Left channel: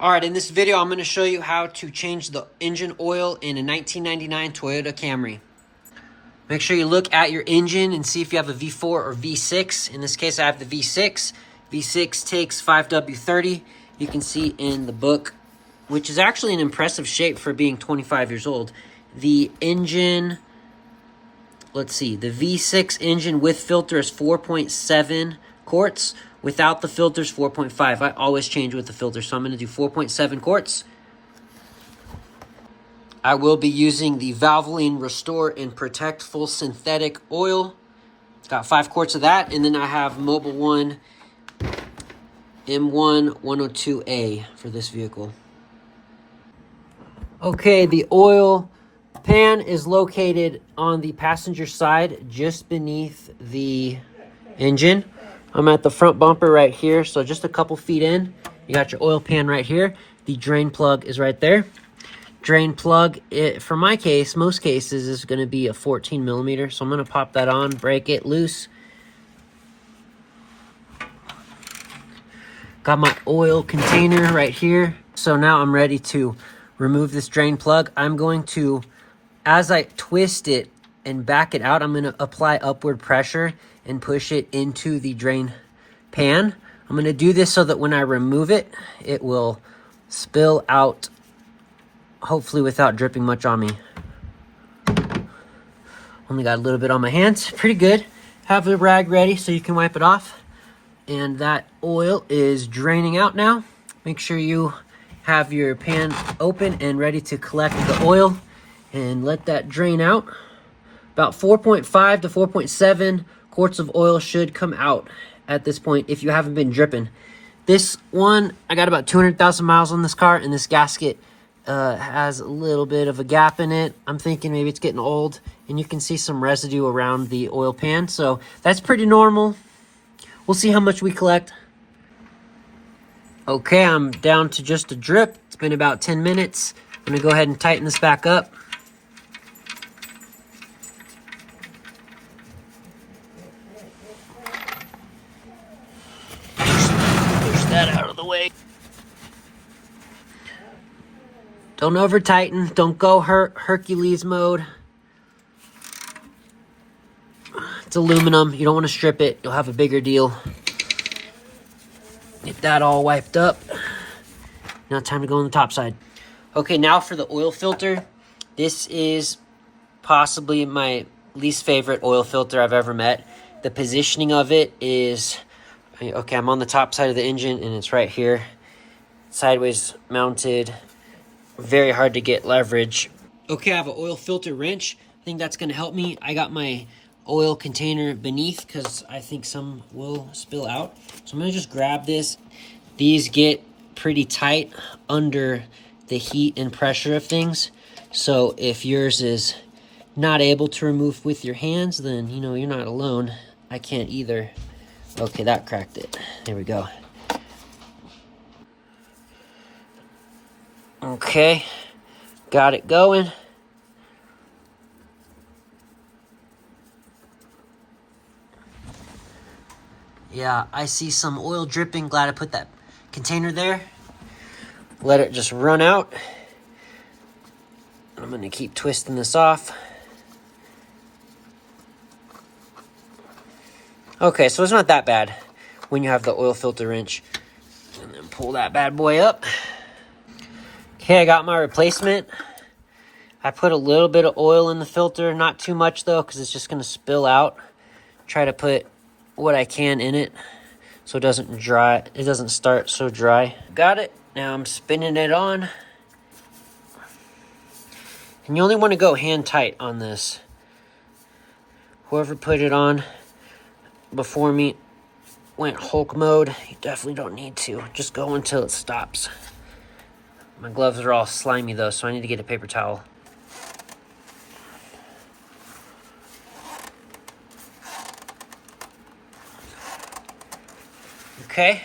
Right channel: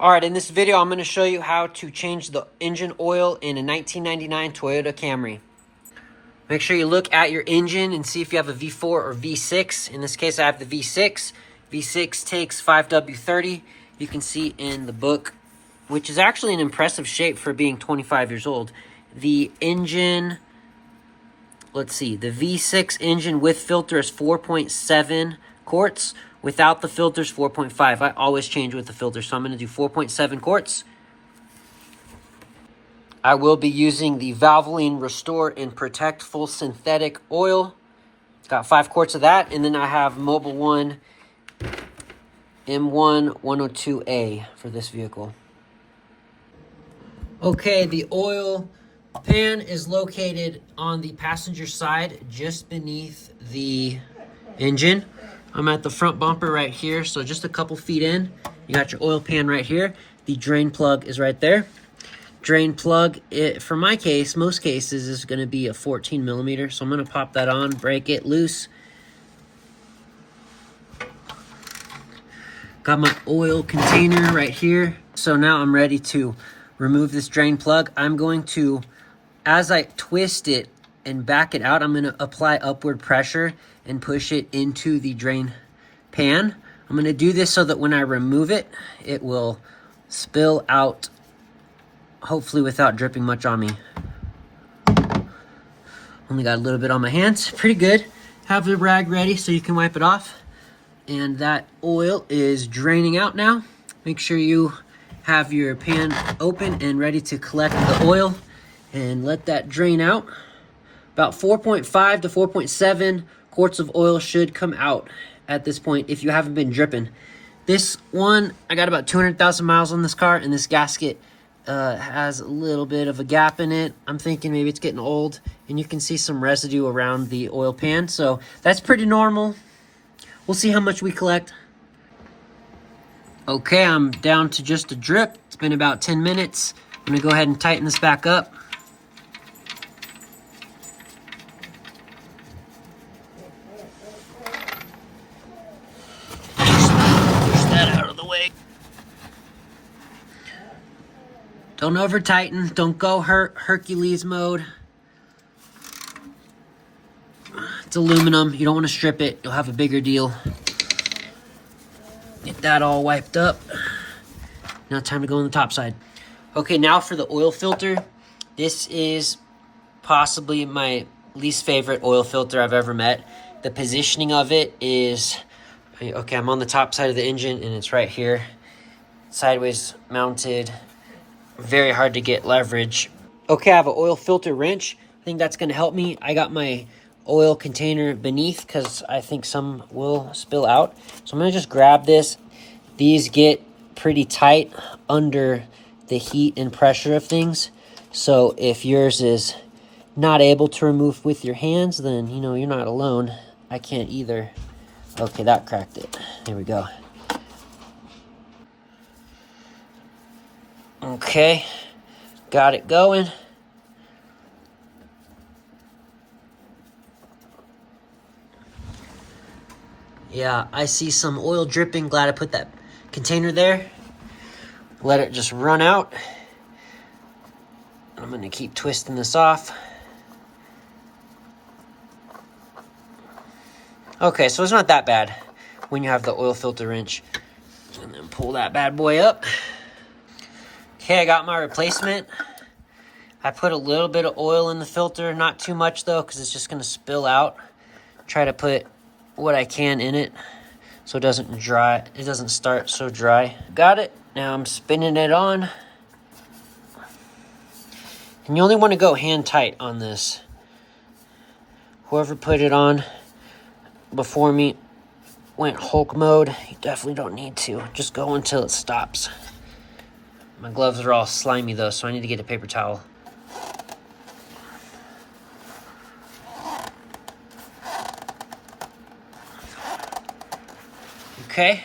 Alright, in this video I'm going to show you how to change the engine oil in a 1999 Toyota Camry. Make sure you look at your engine and see if you have a V4 or V6. In this case I have the V6. V6 takes 5W30. You can see in the book, which is actually an impressive shape for being 25 years old. The engine, let's see, the V6 engine with filter is 4.7 quarts. Without the filters, 4.5. I always change with the filter, so I'm going to do 4.7 quarts. I will be using the Valvoline Restore and Protect Full Synthetic Oil. It's got 5 quarts of that, and then I have Mobil 1 M1 102A for this vehicle. Okay, the oil pan is located on the passenger side, just beneath the engine. I'm at the front bumper right here, so just a couple feet in. You got your oil pan right here. The drain plug is right there. Drain plug, for my case, most cases, is going to be a 14 millimeter. So I'm going to pop that on, break it loose. Got my oil container right here. So now I'm ready to remove this drain plug. I'm going to, as I twist it and back it out, I'm going to apply upward pressure and push it into the drain pan. I'm going to do this so that when I remove it, it will spill out, hopefully without dripping much on me. Only got a little bit on my hands. Pretty good. Have the rag ready so you can wipe it off. And that oil is draining out now. Make sure you have your pan open and ready to collect the oil and let that drain out. About 4.5 to 4.7 quarts of oil should come out at this point if you haven't been dripping. This one, I got about 200,000 miles on this car, and this gasket has a little bit of a gap in it. I'm thinking maybe it's getting old, and you can see some residue around the oil pan, so that's pretty normal. We'll see how much we collect. Okay, I'm down to just a drip. It's been about 10 minutes. I'm gonna go ahead and tighten this back up. Out of the way. Don't over tighten. Don't go Hercules mode. It's aluminum. You don't want to strip it. You'll have a bigger deal. Get that all wiped up. Now time to go on the top side. Okay, now for the oil filter. This is possibly my least favorite oil filter I've ever met. The positioning of it is... Okay, I'm on the top side of the engine, and it's right here. Sideways mounted. Very hard to get leverage. Okay, I have an oil filter wrench. I think that's going to help me. I got my oil container beneath because I think some will spill out. So I'm going to just grab this. These get pretty tight under the heat and pressure of things. So if yours is not able to remove with your hands, then, you know, you're not alone. I can't either. Okay, that cracked it. There we go. Okay, got it going. Yeah, I see some oil dripping. Glad I put that container there. Let it just run out. I'm gonna keep twisting this off. Okay, so it's not that bad when you have the oil filter wrench. And then pull that bad boy up. Okay, I got my replacement. I put a little bit of oil in the filter, not too much though, because it's just gonna spill out. Try to put what I can in it so it doesn't dry. It doesn't start so dry. Got it. Now I'm spinning it on. And you only want to go hand tight on this. Whoever put it on before me went Hulk mode. You definitely don't need to. Just go until it stops. My gloves are all slimy though, so I need to get a paper towel. Okay,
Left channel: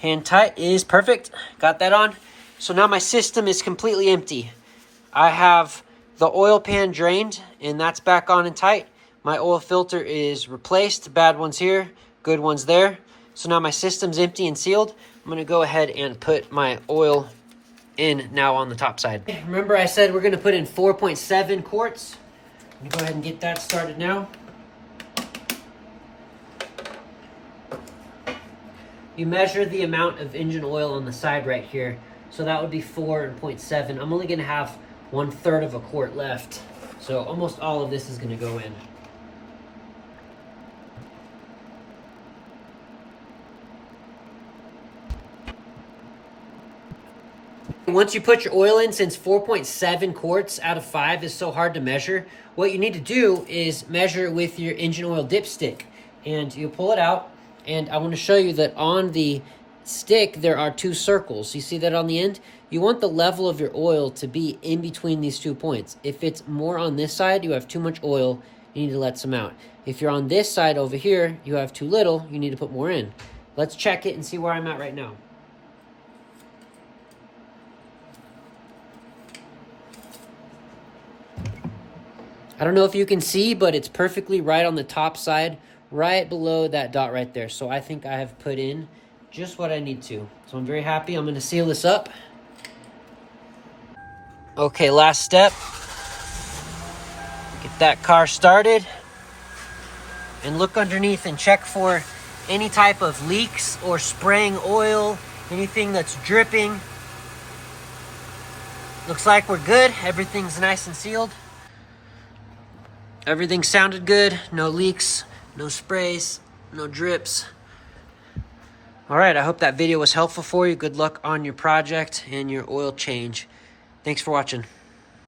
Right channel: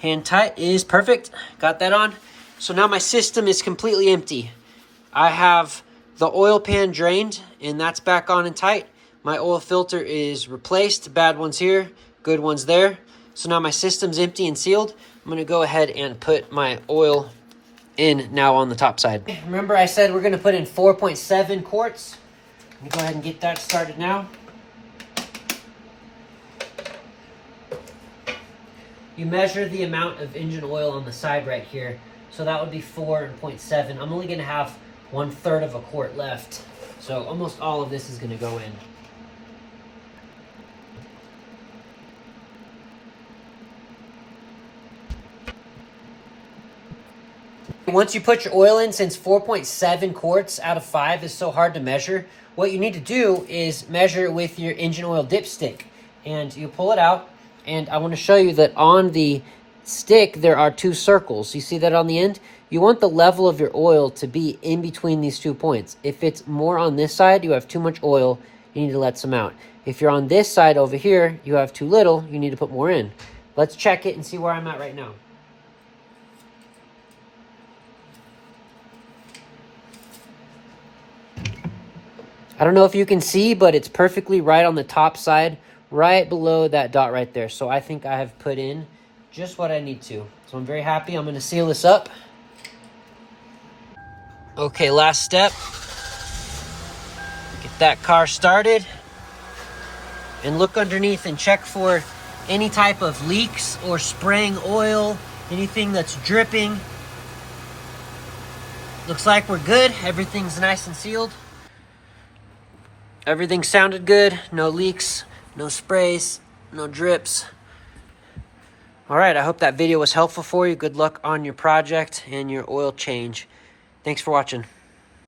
hand tight is perfect. Got that on. So now my system is completely empty. I have the oil pan drained, and that's back on and tight. My oil filter is replaced. Bad one's here, good one's there. So now my system's empty and sealed. I'm gonna go ahead and put my oil in now on the top side. Remember I said we're gonna put in 4.7 quarts. Let me go ahead and get that started now. You measure the amount of engine oil on the side right here. So that would be 4.7. I'm only gonna have 1/3 of a quart left. So almost all of this is gonna go in. Once you put your oil in, since 4.7 quarts out of 5 is so hard to measure, what you need to do is measure with your engine oil dipstick. And you pull it out, and I want to show you that on the stick there are 2 circles. You see that on the end? You want the level of your oil to be in between these 2 points. If it's more on this side, you have too much oil, you need to let some out. If you're on this side over here, you have too little, you need to put more in. Let's check it and see where I'm at right now. I don't know if you can see, but it's perfectly right on the top side, right below that dot right there. So I think I have put in just what I need to. So I'm very happy. I'm going to seal this up. Okay, last step. Get that car started. And look underneath and check for any type of leaks or spraying oil, anything that's dripping. Looks like we're good. Everything's nice and sealed. Everything sounded good. No leaks, no sprays, no drips. All right, I hope that video was helpful for you. Good luck on your project and your oil change. Thanks for watching.